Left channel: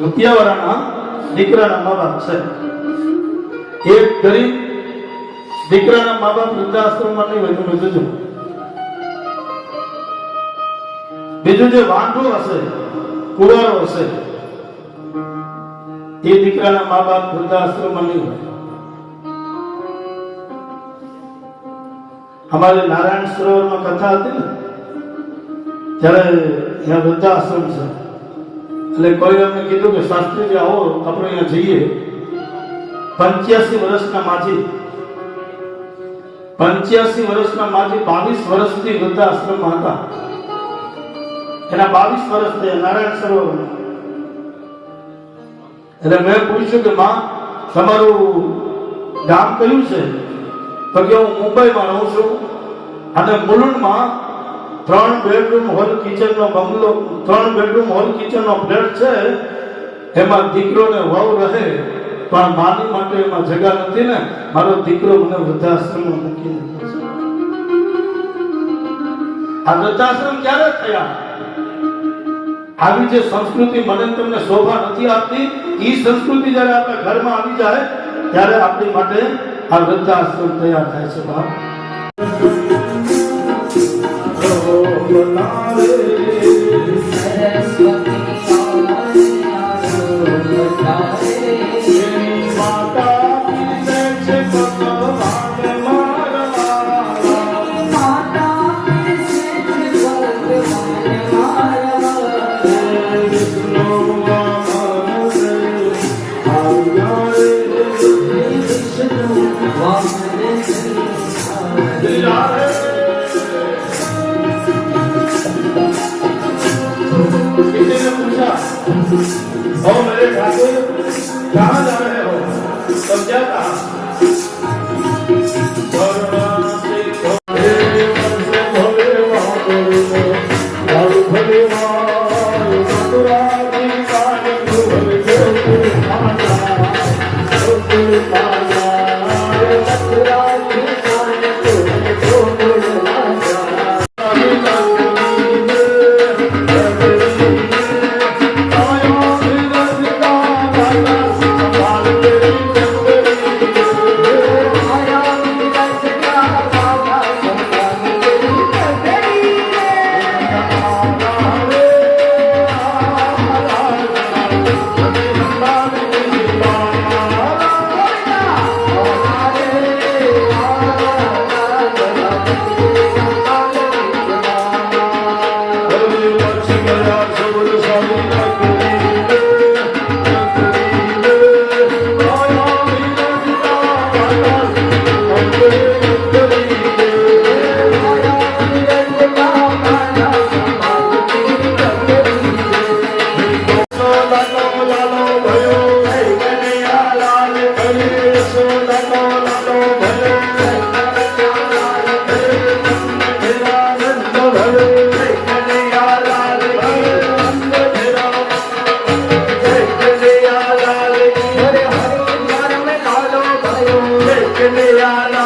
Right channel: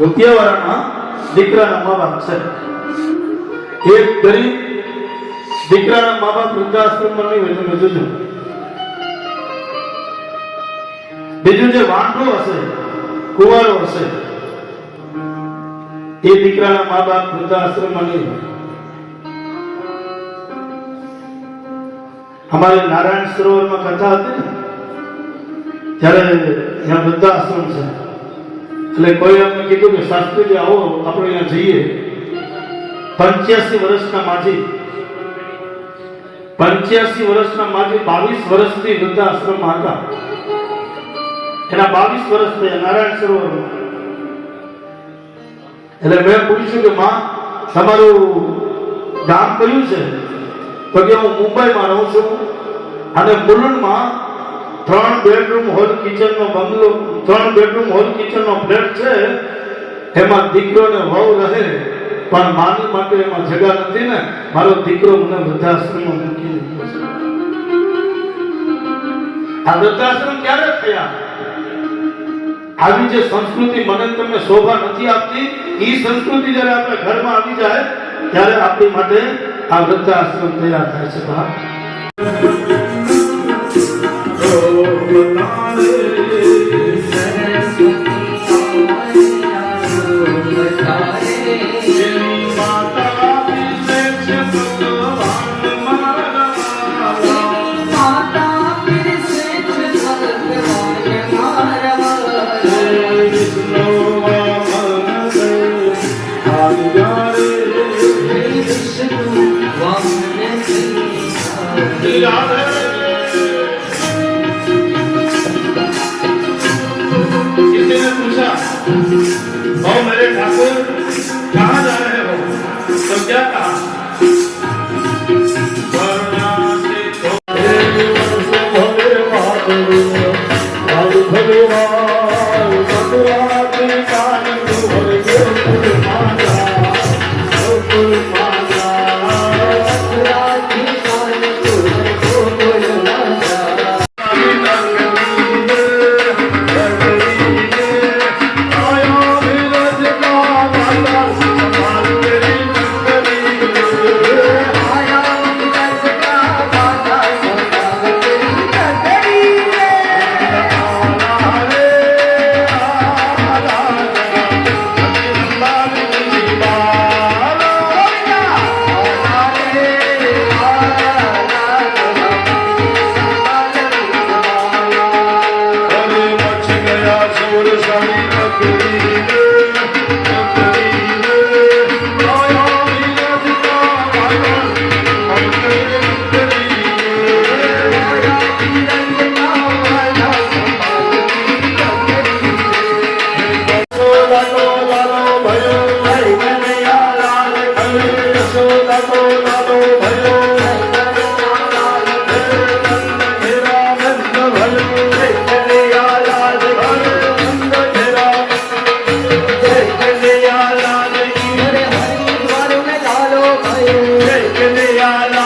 રૂપિયાવાળાના દીકરાના મા બાપ છે. એક ગરીબ દીકરાના મા બાપ વૃદ્ધાશ્રમમાં નહીં હોય બીજું બીજું જે વાંઢો હશે, કુંવારો હશે, એ દીકરાના મા બાપ વૃદ્ધાશ્રમમાં નહીં હોય. અમારે નારાયણ સરોવરમાં કથા હતી ને, ત્યારે અહીંયા વૃદ્ધાશ્રમ છે, એટલે કોઈ અમને કીધું કે શાસ્ત્રીજી આવો આપણે અહીંયા જઈએ. 85 વર્ષના માજી 22 વર્ષથી વૃદ્ધાશ્રમમાં હતા. એના 22 વર્ષ થયા નારાયણ સરોવરમાં. એટલે મેં પૂછ્યું કે માં તમારું ગામ કયું છે? તો કે હું મુંબઈમાં રહું છું અને મુલુંડમાં 3 બેડરૂમ હોલ કિચનનો બંગલો, 3 બેડરૂમ હોલ કિચનનો ફ્લેટ છે. એમાં દીકરો ને વહુ રહે, પણ માની માટે એમાં જગા નથી ને મારો દીકરો મને વૃદ્ધાશ્રમમાં મૂકી દીધો છે. આ વૃદ્ધાશ્રમ ક્યારે થયા? આવી જે સંસ્કૃતિ મને તમને શોભા નથી આપતી, એ સંસ્કૃતિ જ્યારે આપણા ઘરમાં આવી જાય ત્યારે આપણી માટે આ વૃદ્ધાશ્રમ તૈયાર થાય છે. किसी ने पूछा, ओ मेरे ठाकुर कहाँ जा रहे हो? तब क्या कहा? Yeah.